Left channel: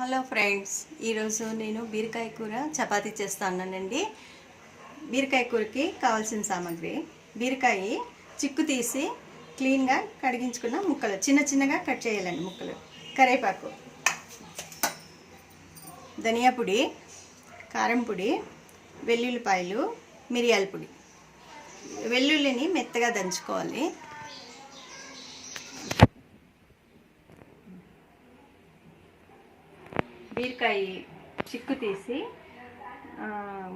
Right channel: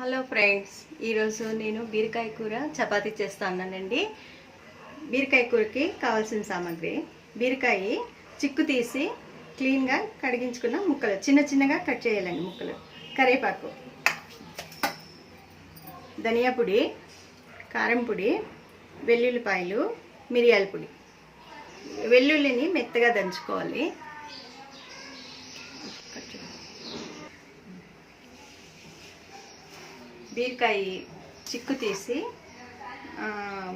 Hello friends, ఈరోజు నేను బీరకాయ కూర చపాతీ చేస్తానండి. బీరకాయ కూరకి కావాల్సిన సామాగ్రి: బీరకాయ చిక్కు తీసి క్లీన్గా కడిగించుకున్న ముక్కలు, చిన్న చిన్నగా కట్ చేయాలండి ముక్కలు. కరివేపాకు, ధనియా పొడి, కారం పొడి, వెల్లుల్లిపాయలు, మిరియాల పొడి. వెల్లుల్లిని మెత్తగా దంచుకోవాలి. బీరకాయ చిక్కు తీసి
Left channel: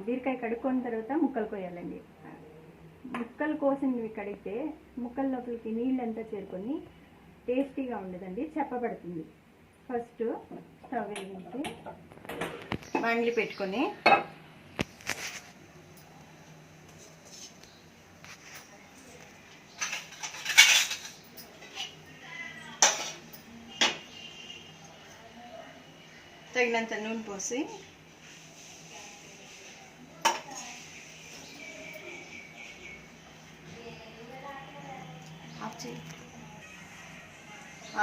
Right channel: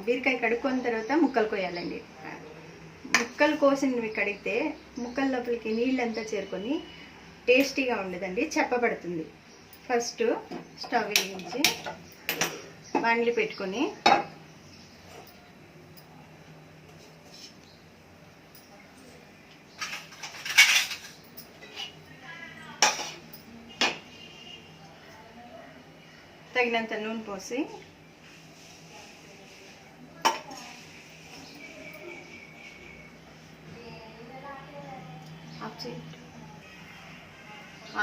బీరకాయ కడుక్కొన్న తర్వాత ముక్కలు కోయాలండి. ముక్కలు కోసినవి కడిగితే ముక్కల లోపలికి నీళ్ళంతా చేరుకొని టేస్టీగా ఉండదండి, చెప్పబడుతుంది. ఫస్ట్ స్టవ్ వెలిగించి బాండ్లీ పెట్టుకొని తగినంత నూనె పోసి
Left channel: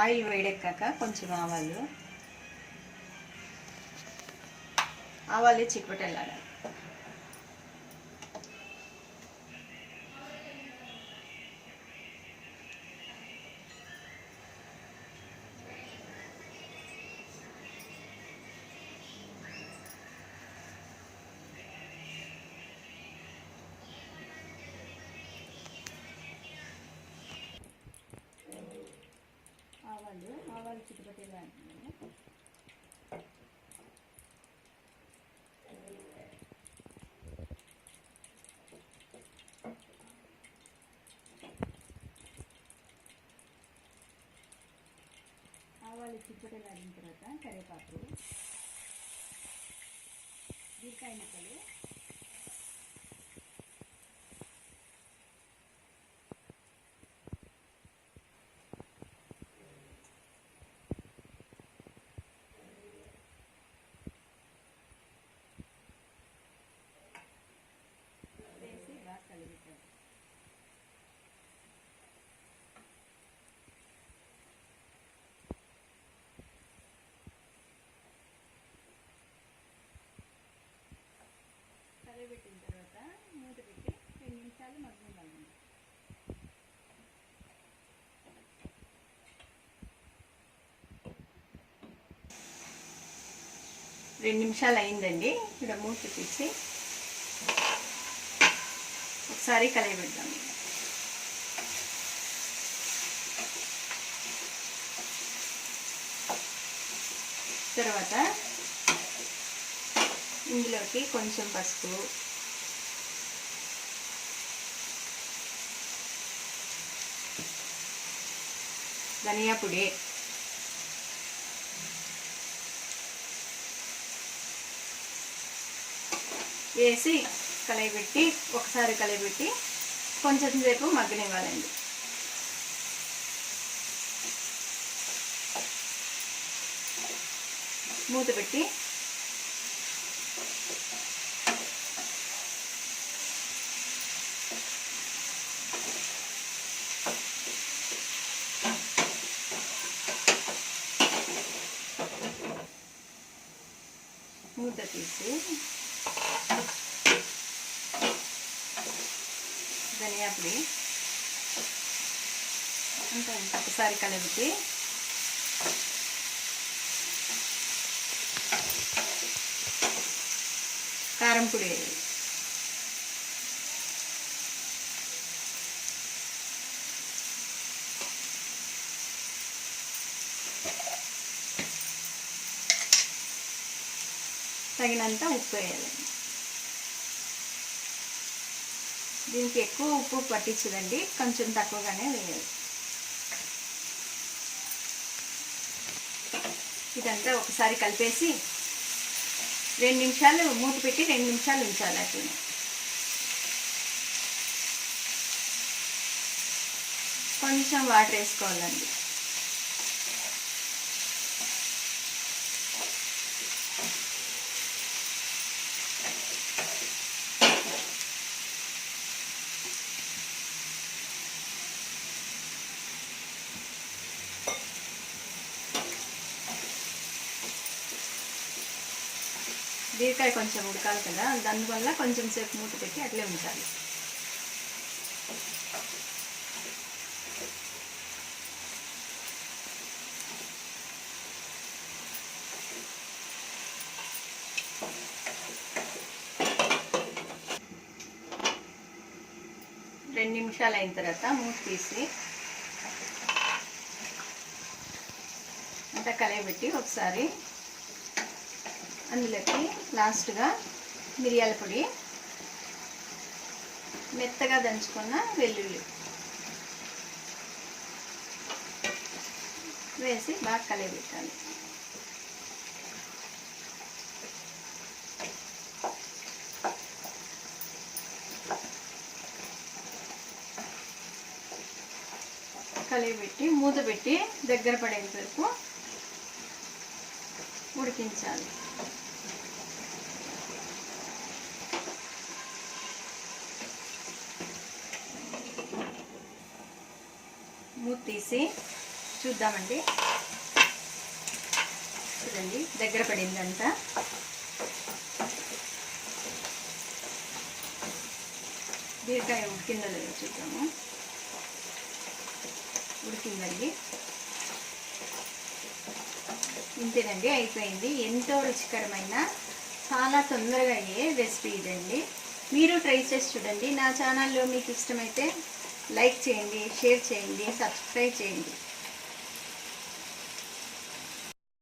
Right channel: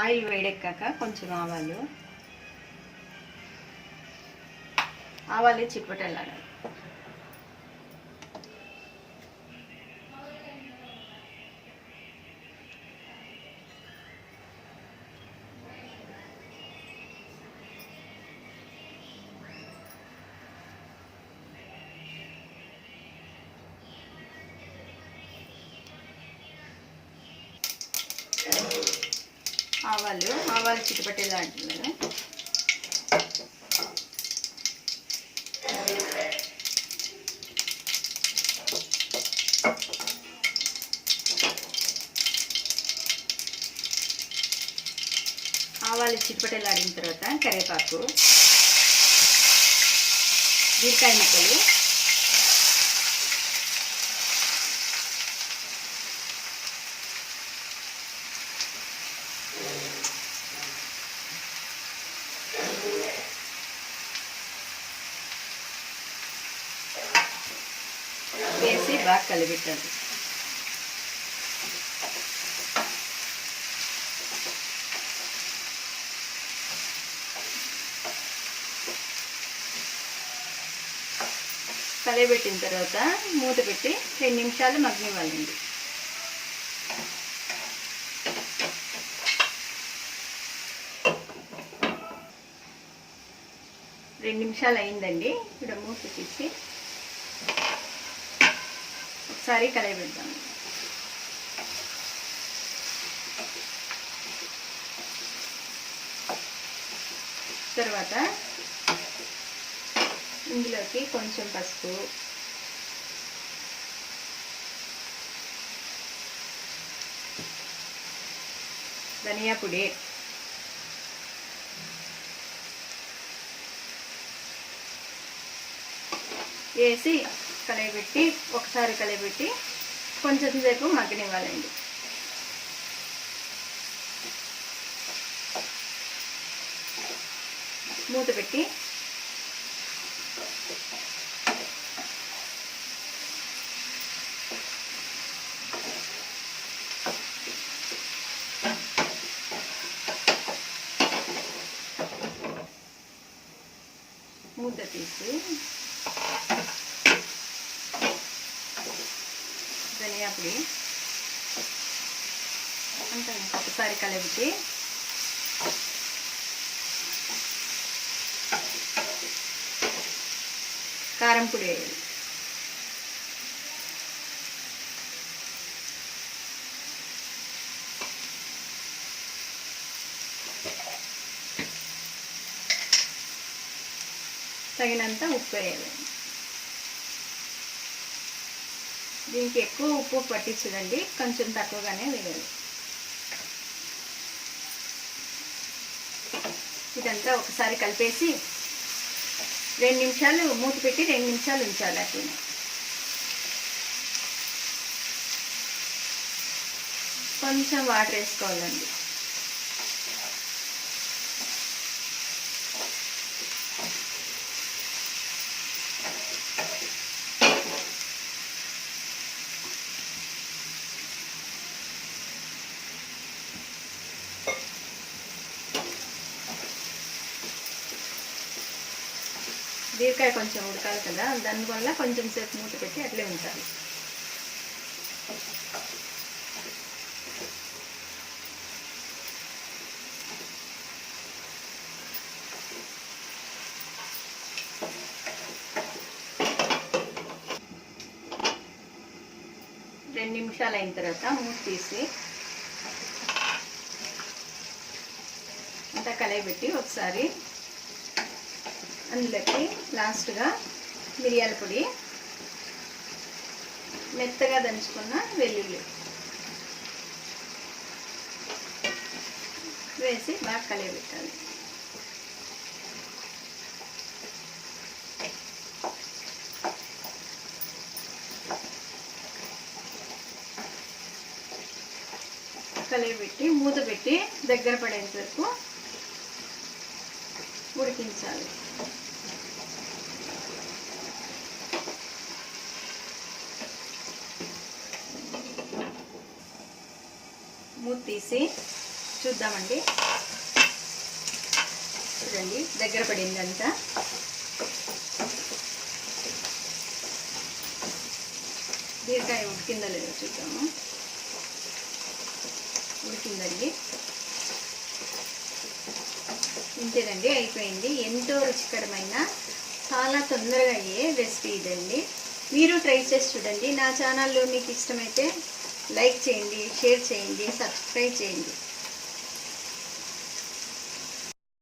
ఆయిల్ వేడెక్కాక కొంచెం ఆవాలు చిప్పటెళ్ళాలి. ఆవాలు చిటపటేలాడుతున్నారు. ఆవాలు చిటపటేలాడిన తర్వాత కరివేపాకు, బీరకాయ ముక్కలు, వేసి బాగా కలిపెట్టాలి. కలిపెట్టిన తర్వాత మూత పెట్టి 2 నిమిషాలు మగ్గనివ్వాలండి. రెండు నిమిషాలు అయిందండి. ఇక్కడ మూత తీసి ఒకసారి కలయబెడదాం. తర్వాత ఇందులోకి కొంచెం పసుపు, ధనియా పొడి, వేసి కలయబెట్టి ఒకసారి కలయబెట్టి కొంచెం సేపు మగ్గనివ్వాలండి. మూత పెట్టి మూత తీసి ధనియా పొడి అంతా ఒకసారి కలబెట్టి కారం పొడి వేయాలి. తగినంత ఉప్పు వేయాలి. దీనికి ఎక్కువ ఉప్పు పట్టించదండి, కొంచెం తక్కువగానే వేయాలి. ఇదంతా ఒకసారి కలిపేసి 2 నిమిషాలు మూత పెట్టి 2 నిమిషాలు ఉంచాలి. అట్లా కొంచెం వాటర్ వేసుకోవాలండి. బీరకాయ కొంచెం ఉడకాలి కదా, దానివల్ల కొంచెం సేపు మూత పెట్టి అట్లే ఉంచాలి. రెండు నిమిషాలు అయిన తర్వాత మూత తీసి అంతా కలయబెట్టి ఒకసారి అందులోకి లాస్ట్గా మిరియాల పొడి, మెత్తగా దంచుకున్న వెల్లుల్లి వేసి బాగా కలయబెట్టాలి. కలయబెట్టి మూత పెట్టి దగ్గర పడేంత వరకు ఉడికించాలి. మూత తీసి చూద్దామండి. చూడండి దగ్గర పడిందంతా. బీరకాయ ఉడికిందో లేదో చూద్దాము. ఉడికిందండి. ఇంతేనండి, అయిపోయింది. ఎంతో రుచికరమైన, చాలా తొందరగా అయ్యే రెసిపీ ఇదండి. మీరు ట్రై చేసి చూడండి. నా ఛానల్లో మీకు ఇష్టమైతే లైక్ చేయండి, షేర్ చేయండి, సబ్స్క్రైబ్ చేయండి.